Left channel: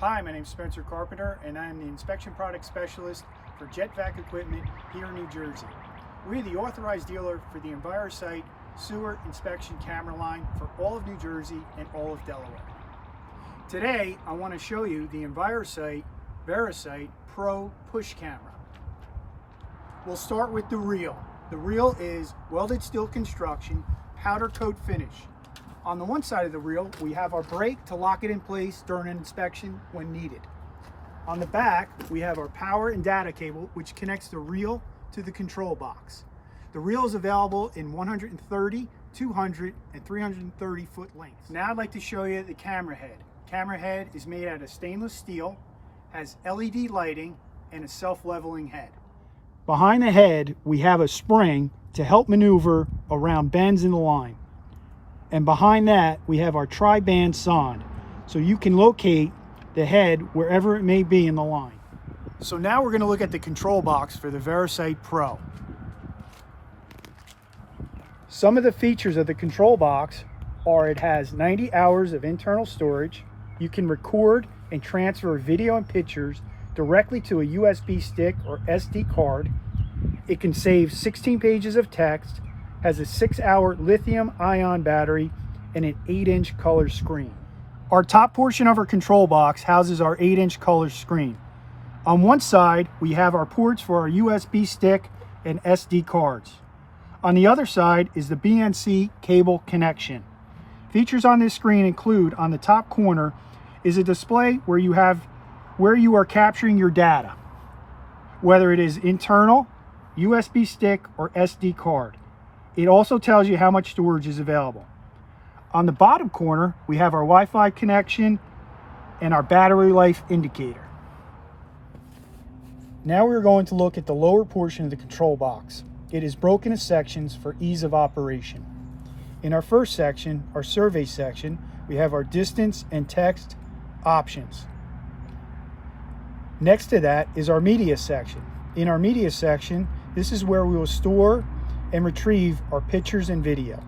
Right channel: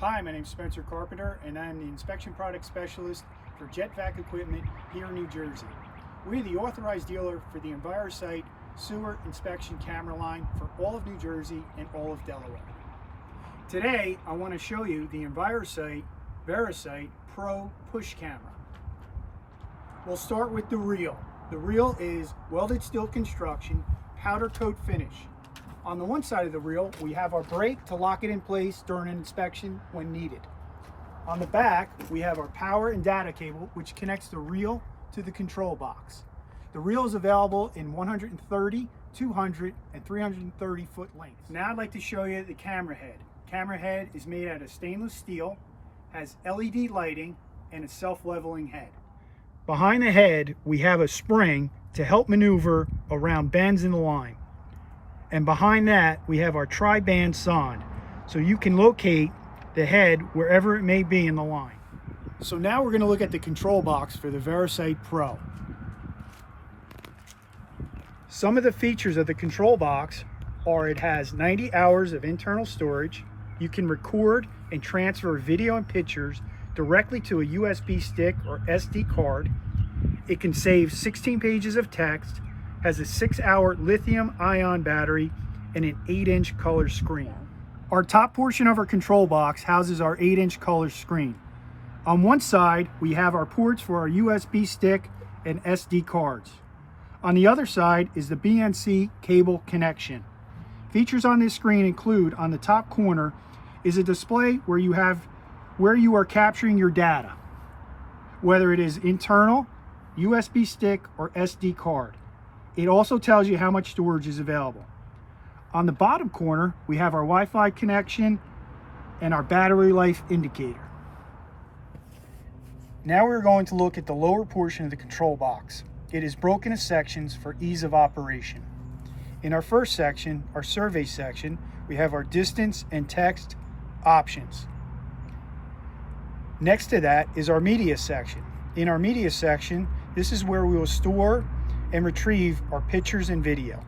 Hi, my name is Spencer Carpenter, and I am the Inspection Product Specialist for Jet Vac Equipment here in New Jersey. We're the authorized dealer for the Envirosight sewer inspection camera line for all of New Jersey and all of Delaware. Today, I want to show you the Envirosight Verisight Pro push camera. We'll start with the reel. The reel is welded steel construction, powder coat finish. On the one side of the reel, we have our brake to lock it in place during an inspection when needed. On the back, we have our power and data cable, which connects the reel to the control box. The reel is available in 130, 200, and 330 foot lengths. Now I'd like to show you the camera head. Camera head is made out of stainless steel, has LED lighting, and a self-leveling head. Behind the head, we have a spring to help maneuver around bends in the line. And behind that, we have our tri-band sonde, so you can locate the head wherever it may be in the line. So now we're going to look at the control box for the Verisight Pro. Some of the features of the control box are it has 90 hours of internal storage. You can record and transfer video and pictures directly to a USB stick or SD card. It can save 16 pages of text, has a 6-hour lithium-ion battery, and an 8-inch color screen. Our top portion of our control box houses our 8-inch color screen. On one side, we have our ports for our USB stick and SD cards. On the other side is the BNC cable connection. Features on this screen include, on the top corner, is a display where you are capturing your data, whether it is internal, USB stick, or SD card. It also tells you how much storage is available. On the bottom corner, we have our Wi-Fi connection and our battery life indicator. Now we're going to look at the lower portion of the control box. It is broken into sections for ease of operation. In our first section, our survey section, we have our distance and text options. Next to that is our media section. In our media section, this is where we will store and retrieve our pictures and video.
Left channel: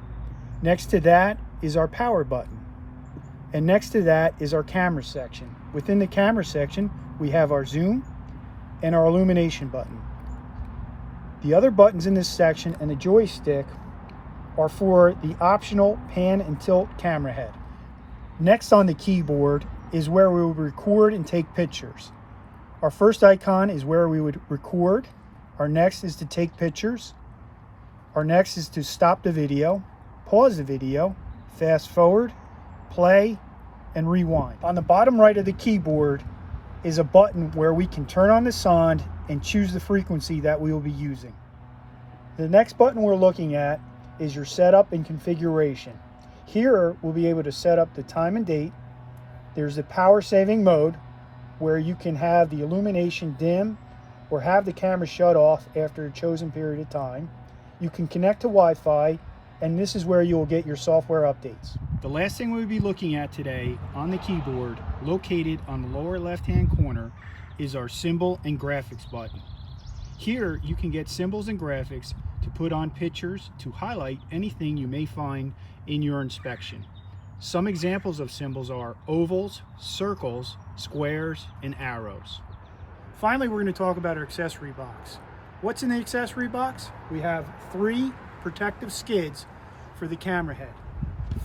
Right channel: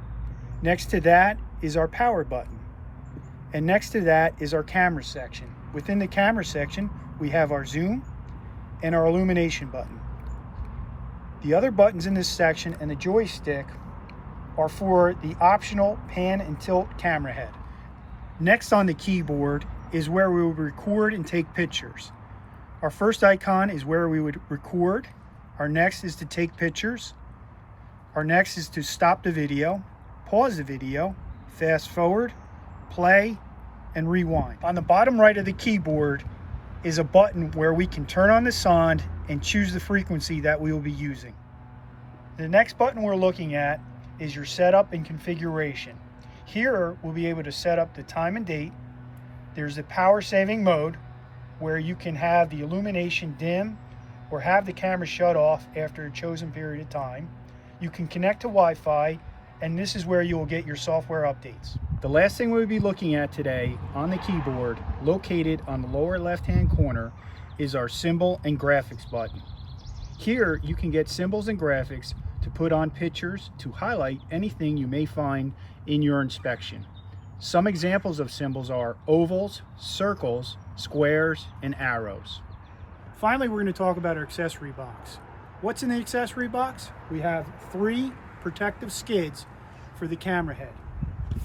Next to that is our power button. And next to that is our camera section. Within the camera section, we have our zoom and our illumination button. The other buttons in this section and the joystick are for the optional pan and tilt camera head. Next on the keyboard is where we would record and take pictures. Our first icon is where we would record. Our next is to take pictures. Our next is to stop the video, pause the video, fast forward, play, and rewind. On the bottom right of the keyboard is a button where we can turn on the sonde and choose the frequency that we will be using. The next button we're looking at is your setup and configuration. Here we'll be able to set up the time and date. There's the power saving mode where you can have the illumination dim or have the camera shut off after a chosen period of time. You can connect to Wi-Fi, and this is where you will get your software updates. The last thing we'll be looking at today on the keyboard, located on the lower left-hand corner, is our symbol and graphics button. Here you can get symbols and graphics to put on pictures to highlight anything you may find in your inspection. Some examples of symbols are ovals, circles, squares, and arrows. Finally, we're going to talk about our accessory box. What's in the accessory box? We have 3 protective skids for the camera head,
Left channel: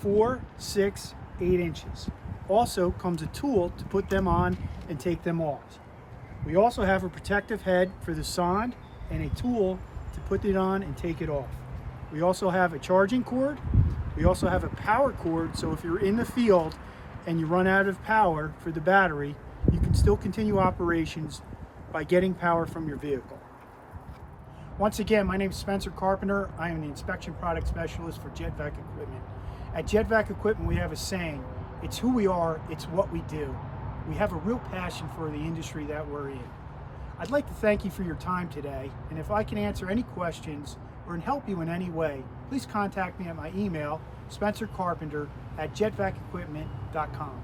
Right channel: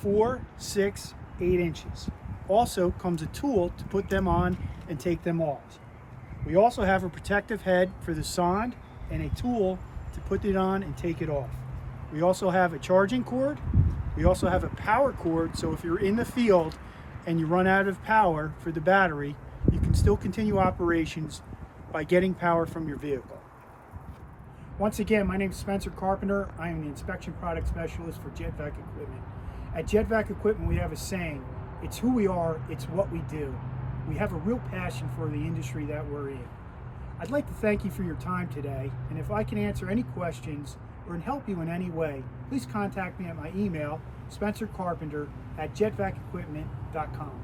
4, 6, 8 inches. Also comes a tool to put them on and take them off. We also have a protective head for the sonde and a tool to put it on and take it off. We also have a charging cord. We also have a power cord, so if you're in the field and you run out of power for the battery, you can still continue operations by getting power from your vehicle. Once again, my name is Spencer Carpenter. I am the Inspection Product Specialist for Jet Vac Equipment. At Jet Vac Equipment, we have a saying, it's who we are, it's what we do. We have a real passion for the industry that we're in. I'd like to thank you for your time today, and if I can answer any questions or help you in any way, please contact me at my email, spencercarpenter@jetvacequipment.com.